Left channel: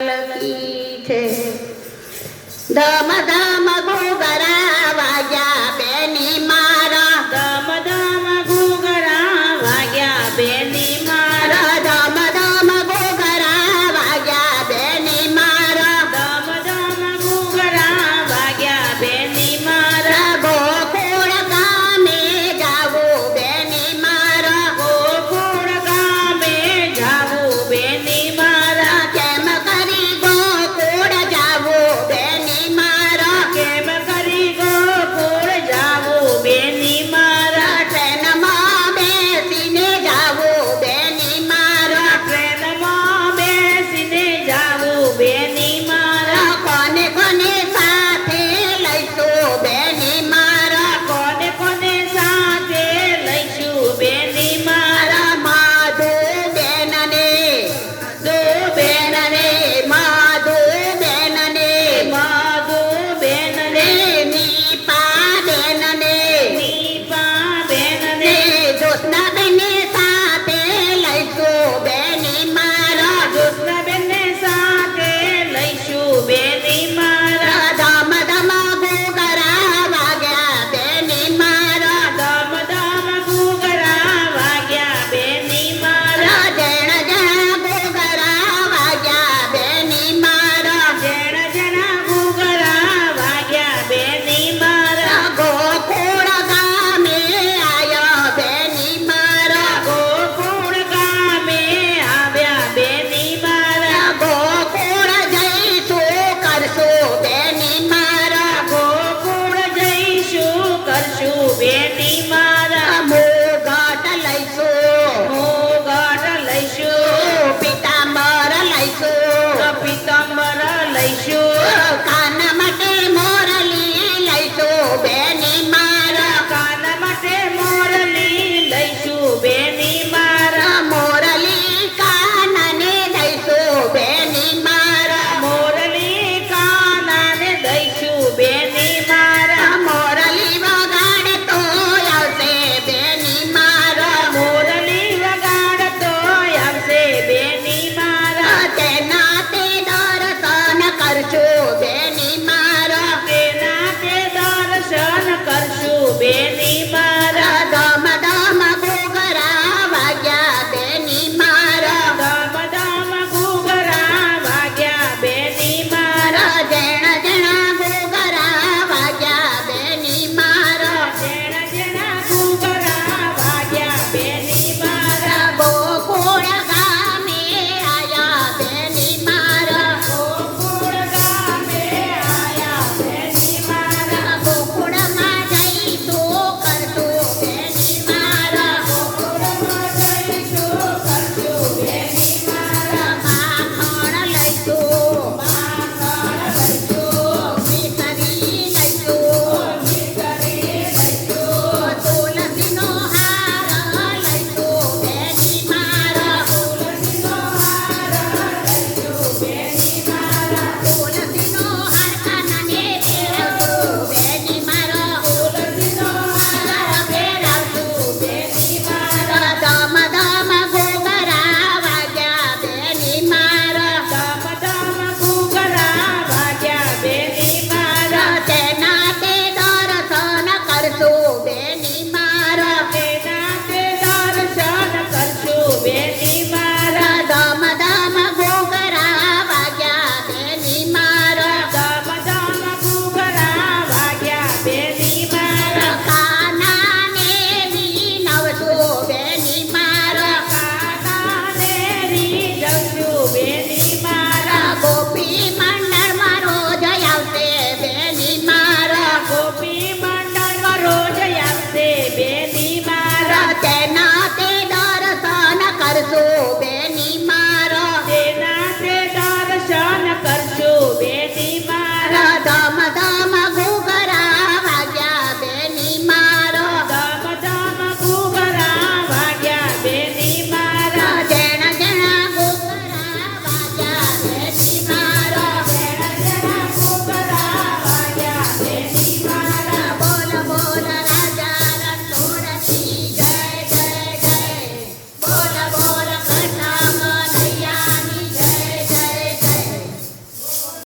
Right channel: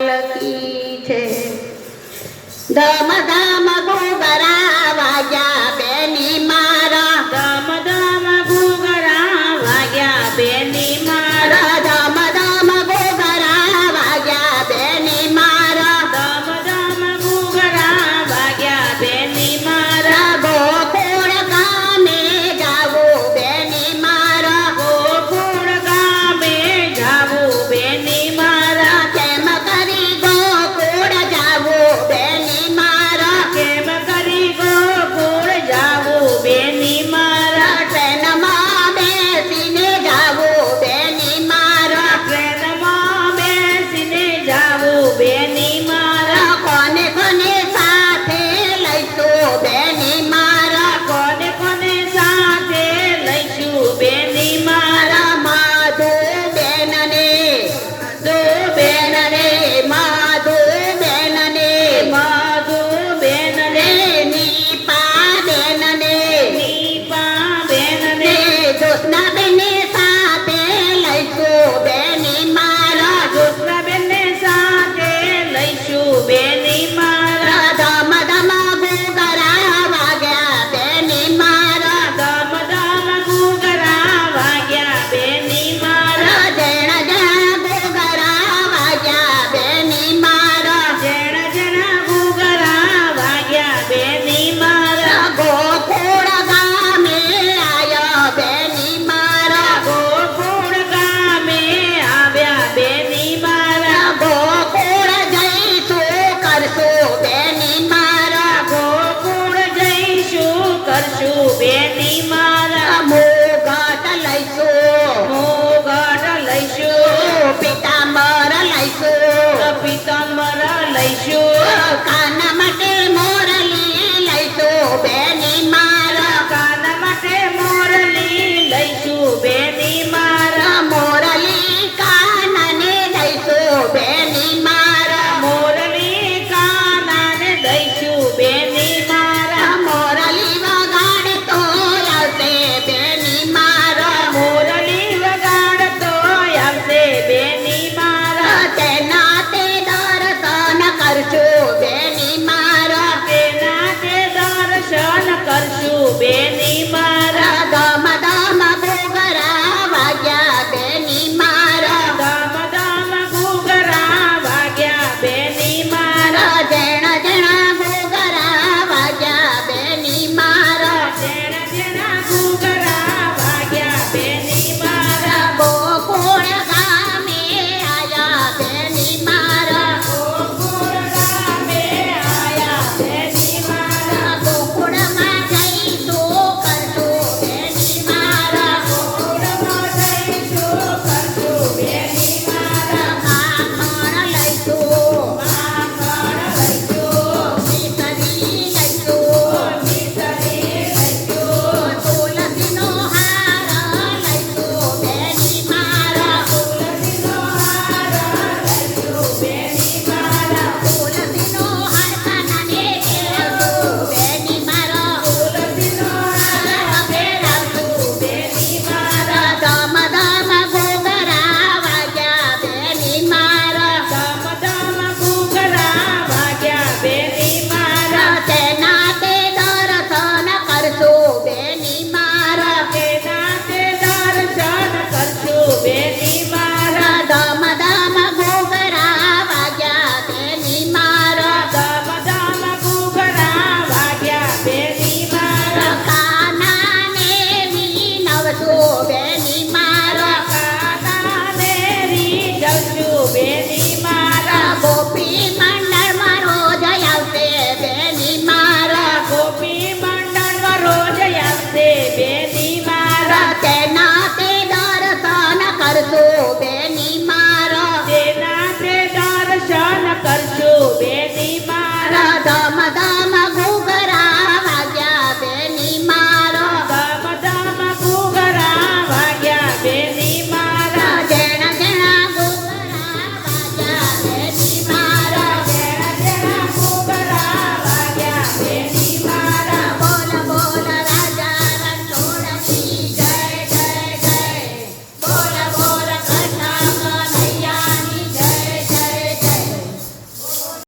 La quite, da. say